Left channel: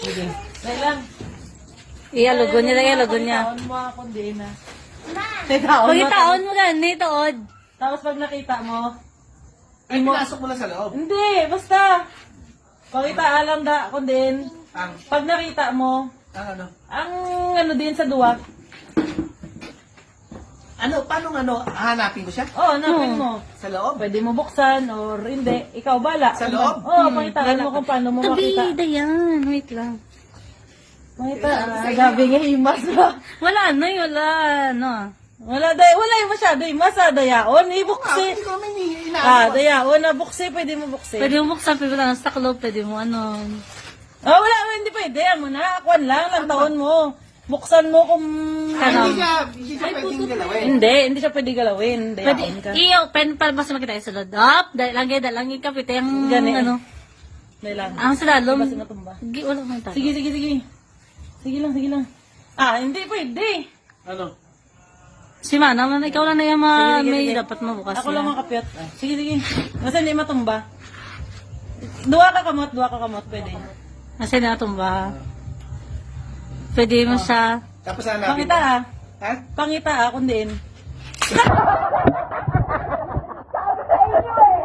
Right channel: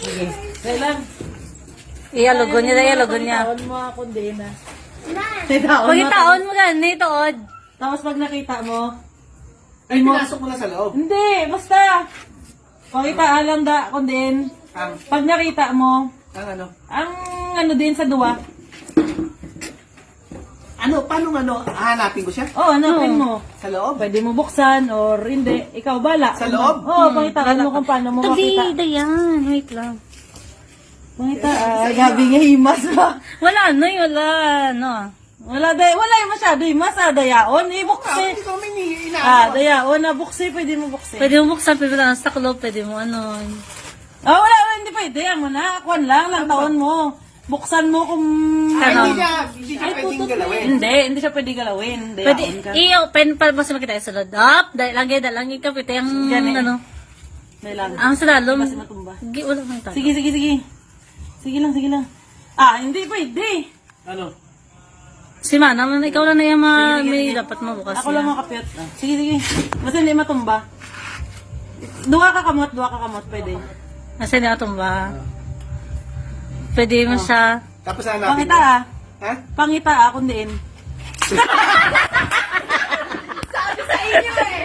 Sige. Dahil lang. Ialogon niya. Taon mo mga kundena. Pagitaon mo lang, itood. Tapos pag nakita mo, Ay, pinasok mo na sa loob. hindi, basta. Pakita lang da kunden. Ang, Pag nakita mo, ano? ang ano din sa duwa. Ano, paano hahanapin ko siya? Oh, hanapin mo. Sa loob? Pwede mo buksan or hindi. Ikaw bala. Sa loob? Oo, pakitaan mo kung paano mo makita. Dayan. Wait lang. Pakita, gabi nga himas ba? Wala, wala, no. Wala yung masyado himas, dayaon. Ah, Ibukse. hindi ko may inaano. Dayaon, bukse, pwede mo bukse. Pwede mo buksan, pwede lang sa loob, pwede mo ano. Wala, hindi pwede. Mo na, akuan lang, ng taon mo. Buksan mo kung... Ay, Ano? hindi siya pwedeng galawin. Hindi siya pwede galawin. Pwede, Dayaon ka. i-open para mas makita yung sulod. Up, dahil ka, pwede yung, Gani. ano, Dahil ang sulalom. Basta matumba. Hindi, wala man ito. Sige. Sige lang. Hindi pwede. Ano? Si Manang, ikaw lang na yung may dapat mo bukas Ako lang na. makapyat. Sige. Kasi hindi matumba. Dua ka kamot, pwede. Kasi na tumba. Pwede mo siya. Tapos hanapin Pangita mo. Ha? Pangita kundi. Sabi sa inyo eh.